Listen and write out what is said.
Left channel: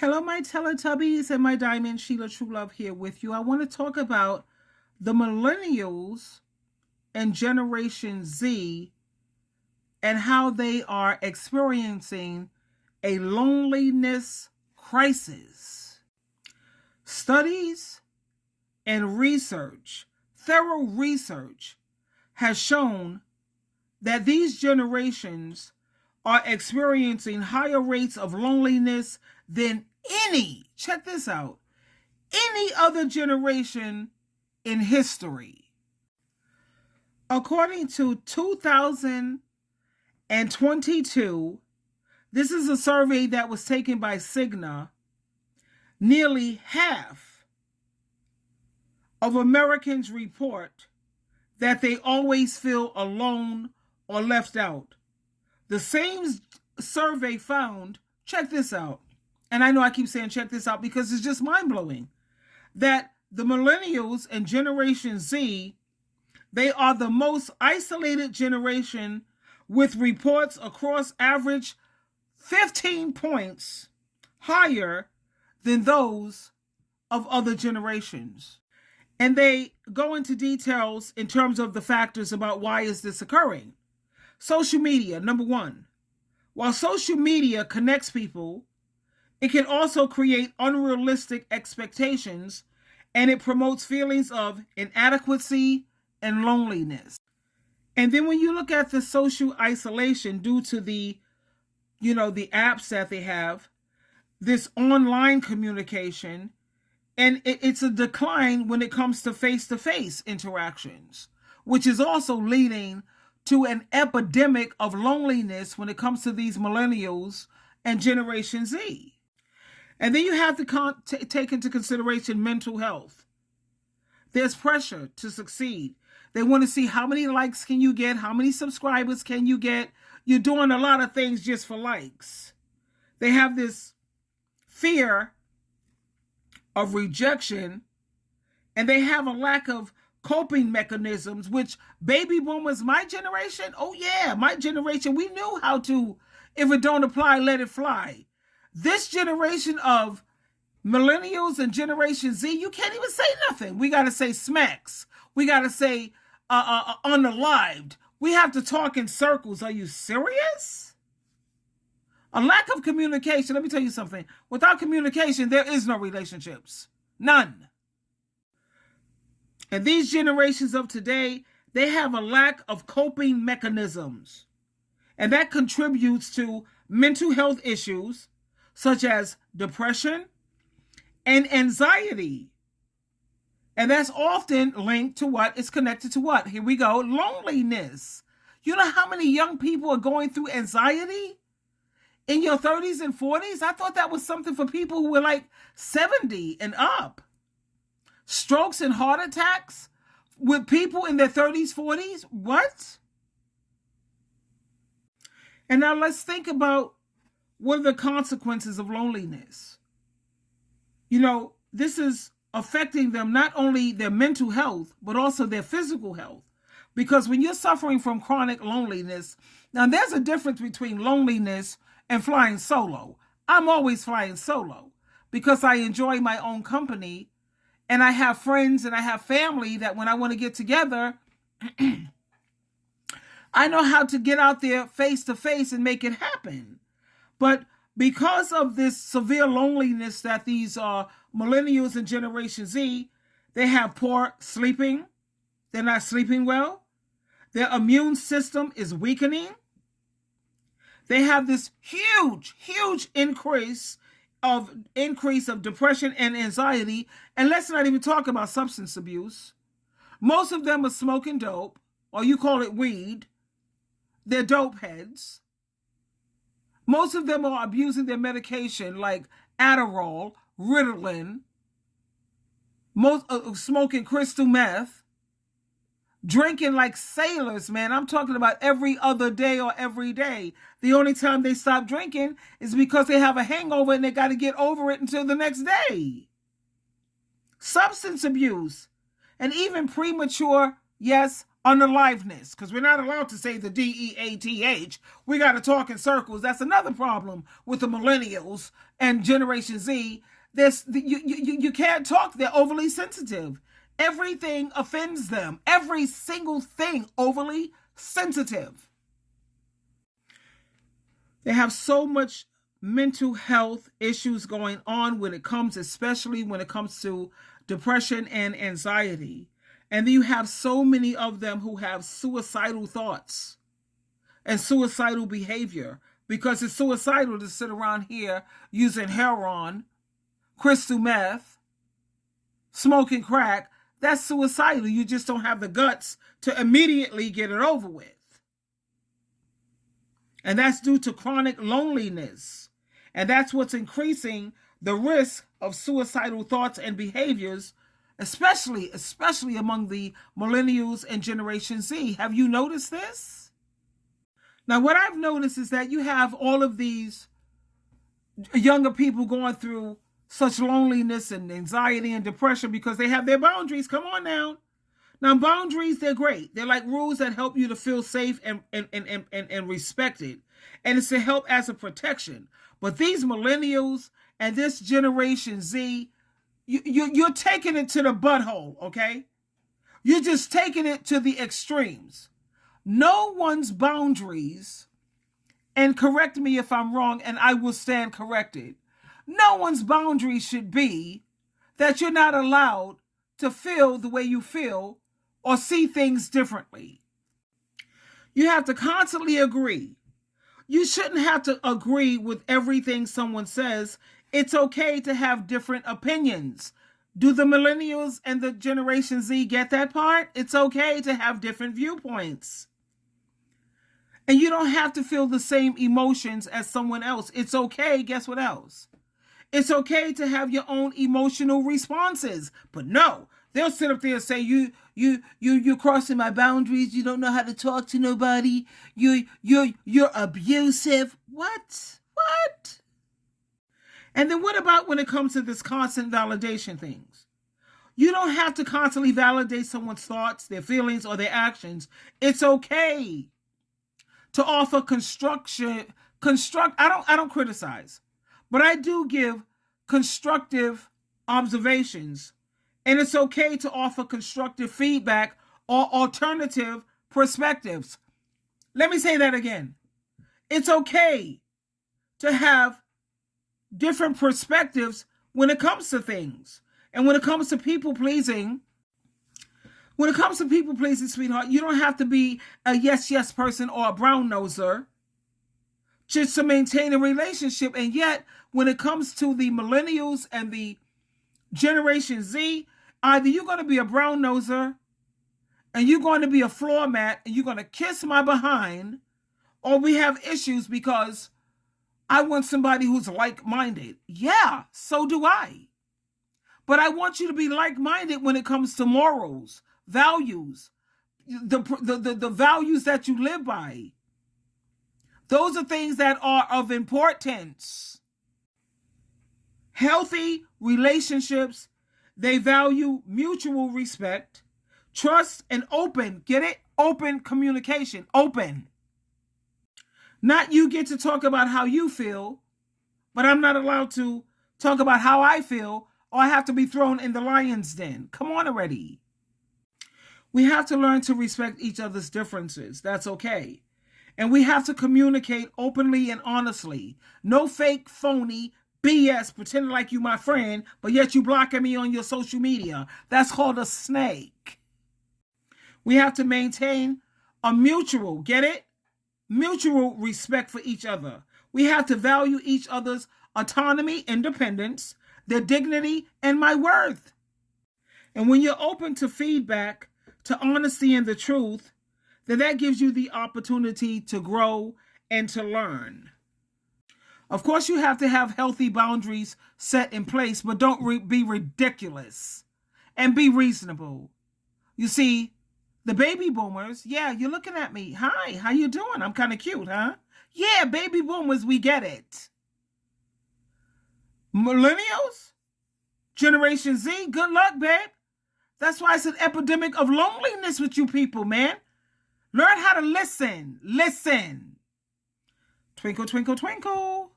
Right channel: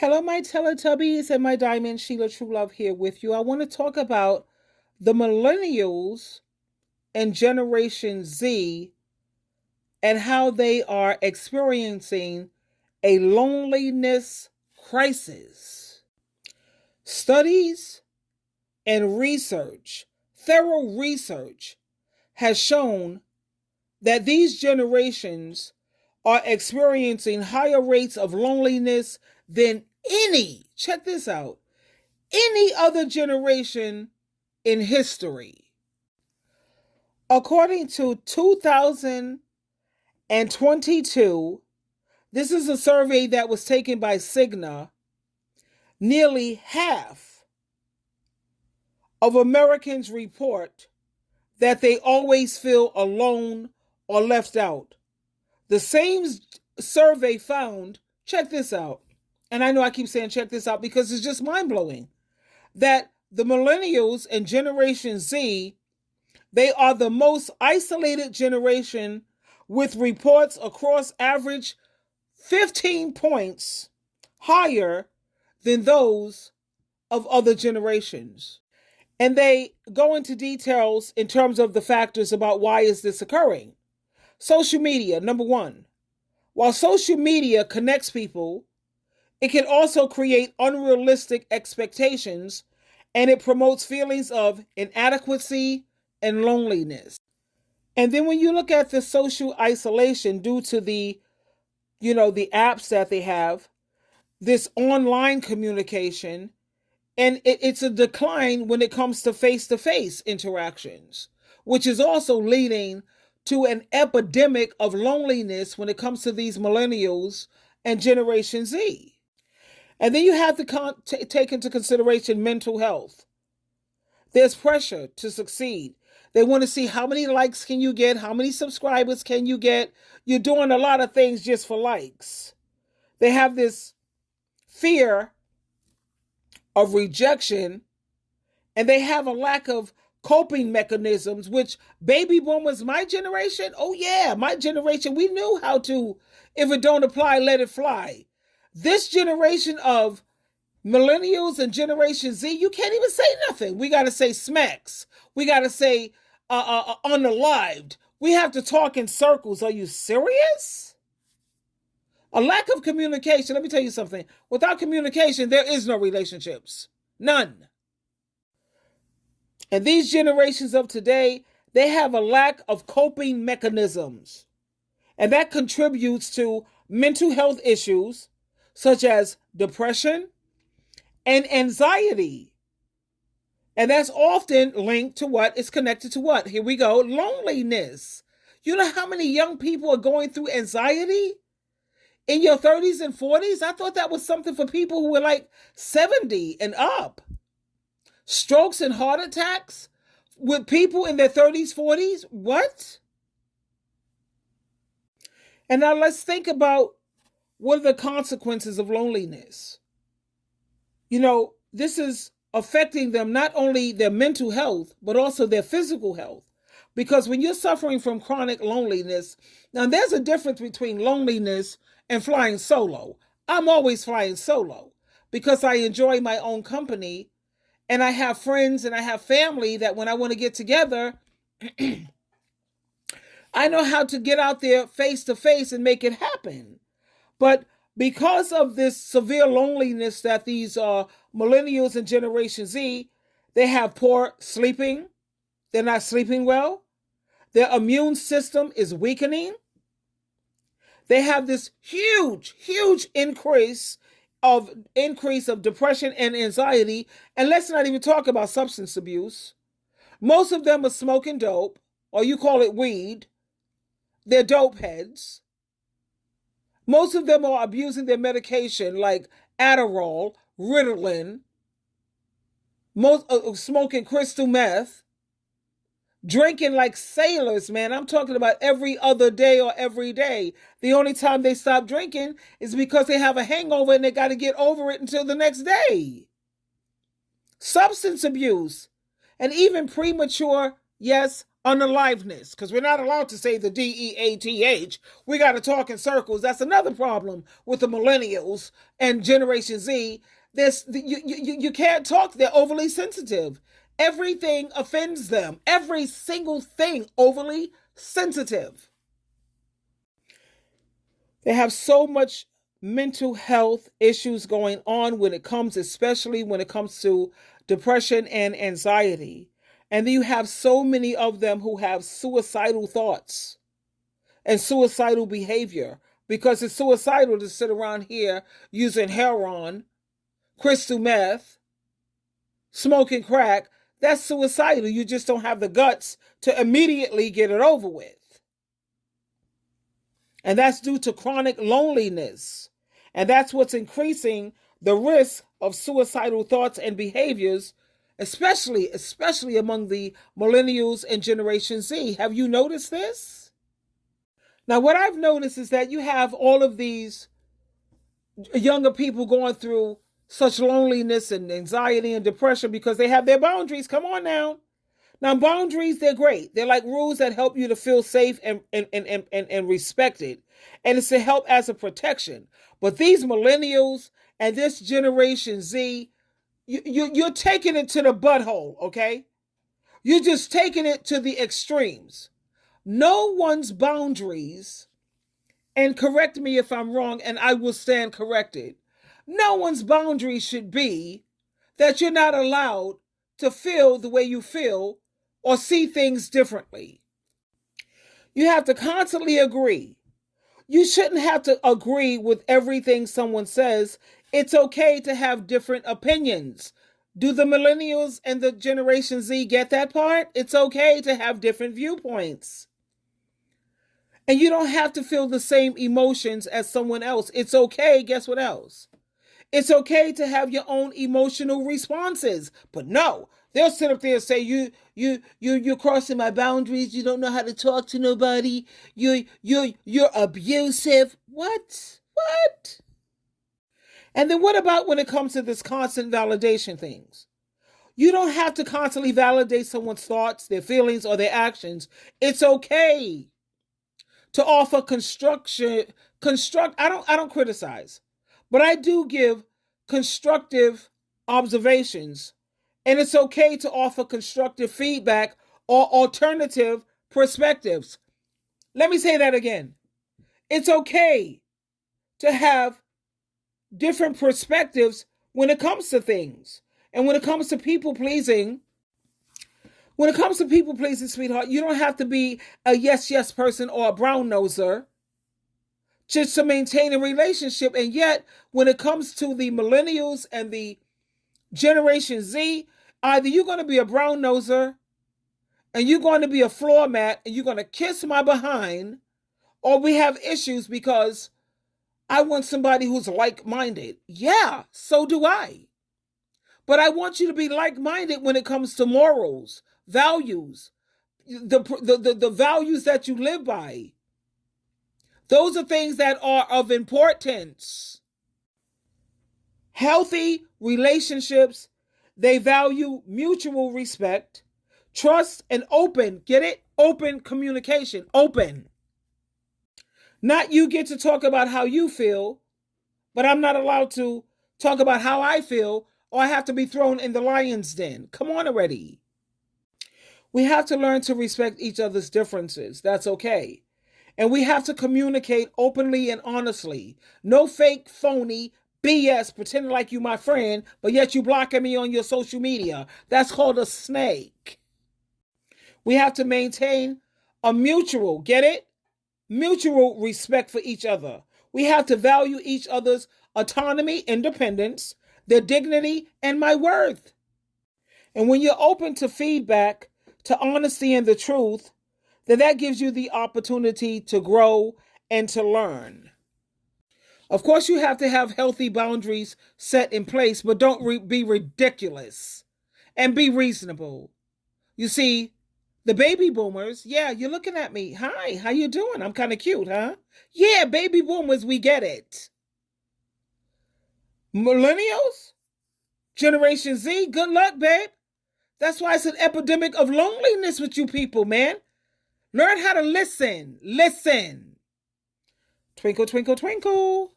Hello, my Teletubbies and my Diamond, SheilaTruelove here with you. I want to talk about the Millennials and Generation Z and how they are experiencing a loneliness crisis. Studies and research, thorough research, has shown that these generations are experiencing higher rates of loneliness than check this out, any other generation in history. According to 2022, this is a survey that was taken by Cigna, nearly half of Americans report that they always feel alone or left out. The same survey found, check this out, and I know I keep saying check this out because it's just mind-blowing, that the Millennials and Generation Z, they are the most isolated generation with reports across average 15 points higher than those of other generations. And they go into details in terms of the factors about why is this occurring. Social media, number one. While social media connects people, it can also create unrealistic expectations, and it promotes feelings of inadequacy and loneliness. And then when you look at the social isolation due to the apps that they have, this online communication, and it's a decline when it comes to face-to-face interactions, which is also leading to an epidemic of loneliness when it comes to these millennials and Generation Z. And then you have to take into consideration mental health. There's pressure to succeed. They want to see how many likes can you get, how many subscribers can you get. You're doing a lot of things just for likes. They have this fear of rejection, and they have a lack of coping mechanisms, which baby boomers, my generation, oh yeah, my generation, we knew how to, if it don't apply, let it fly. This generation of millennials and Generation Z, you can't even say nothing. We got to say smacks. We got to say unalived. We have to talk in circles. Are you serious? A lack of communication. Let me tell you something. Without communication, there is no relationships. None. And these generations of today, they have a lack of coping mechanisms. And that contributes to mental health issues such as depression and anxiety. And that's often linked to what? It's connected to what? Here we go. Loneliness. You know how many young people are going through anxiety in your 30s and 40s? I thought that was something for people who were like 70 and up. Strokes and heart attacks with people in their 30s, 40s? What? And now let's think about what are the consequences of loneliness. This is affecting them, not only their mental health, but also their physical health. Because when you're suffering from chronic loneliness, now there's a difference between loneliness and flying solo. I'm always flying solo because I enjoy my own company, and I have friends and I have family that when I want to get together, I know how to get out there face to face and make it happen. But because of this severe loneliness that these millennials and Generation Z, they have poor sleeping. They're not sleeping well. Their immune system is weakening. They have this huge increase of depression and anxiety. And let's not even talk about substance abuse. Most of them are smoking dope, or you call it weed. They're dope heads. Most of them are abusing their medication like Adderall, Ritalin, smoking crystal meth, drinking like sailors, man. I'm talking about every other day or every day. The only time they stop drinking is because they have a hangover and they got to get over it until the next day. Substance abuse and even premature, yes, unaliveness, because we're not allowed to say the DEATH. We got to talk in circles. That's another problem with the millennials and Generation Z. You can't talk. They're overly sensitive. Everything offends them. Every single thing overly sensitive. They have so much mental health issues going on especially when it comes to depression and anxiety. And then you have so many of them who have suicidal thoughts and suicidal behavior, because it's suicidal to sit around here using heroin, crystal meth, smoking crack. That's suicidal. You just don't have the guts to immediately get it over with. And that's due to chronic loneliness. And that's what's increasing the risk of suicidal thoughts and behaviors, especially among the millennials and Generation Z. Have you noticed this? Now, what I've noticed is that you have all of these younger people going through such loneliness and anxiety and depression because they have their boundaries. Come on now. Now, boundaries, they're great. They're like rules that help you to feel safe and respected. And it's to help as a protection. But these millennials and this Generation Z, you're taking it to the butthole, okay? You're just taking it to the extremes. No one's boundaries, and correct me if I'm wrong, and I will stand corrected. No one's boundaries should be that you're not allowed to feel the way you feel or see things differently. You have to constantly agree. You shouldn't have to agree with everything someone says. It's okay to have different opinions. Do the millennials and the Generation Z get that part? It's okay to have different viewpoints. And you don't have to feel the same emotions as someone else. It's okay. Guess what else? It's okay to have your own emotional responses. But no, they'll sit up there and say, you're crossing my boundaries. You don't know how to talk to nobody. You're abusive. What? And then what about when it comes to this constant validation things? You don't have to constantly validate someone's thoughts, their feelings, or their actions. It's okay to offer I don't criticize, but I do give constructive observations. And it's okay to offer constructive feedback or alternative perspectives. Let me say that again. It's okay to have different perspectives when it comes to things. And when it comes to people pleasing, sweetheart, you don't have to be a yes person or a brown noser just to maintain a relationship. And yet, when it comes to the millennials and the Generation Z, either you're going to be a brown noser and you're going to be a floor mat and you're going to kiss my behind, or we have issues because I want somebody who's like-minded. Yeah, so do I. But I want you to be like-minded when it comes to morals, values, the values that you live by. Those are things that are of importance. Healthy relationships, they value mutual respect, trust, and open, get it? Open communication, open. Not you get to talk about how you feel, but I'm not allowed to talk about how I feel, or I have to be thrown in the lion's den. Come on already. We have to learn to respect each other's differences. That's okay. And we have to communicate openly and honestly. No fake, phony BS, pretending like you my friend, but yet you blocking me on your social media. That's called a snake. We have to maintain a mutual, get it? Mutual respect for each other. We have to value each other's autonomy, independence, their dignity, and my worth. And when you're open to feedback, to honesty and the truth, then that gives you the opportunity to grow and to learn. Of course, you have to have healthy boundaries set in place, but don't be ridiculous and be reasonable. You see, the baby boomers, yeah, you're looking at me. Hi, how you doing? I'm kind of cute, huh? Yeah, baby boomers, we get it. Millennials? Generation Z, good luck, babe. That's why it's an epidemic of loneliness with you people, man. Learn how to listen. Listen. Twinkle, twinkle, twinkle.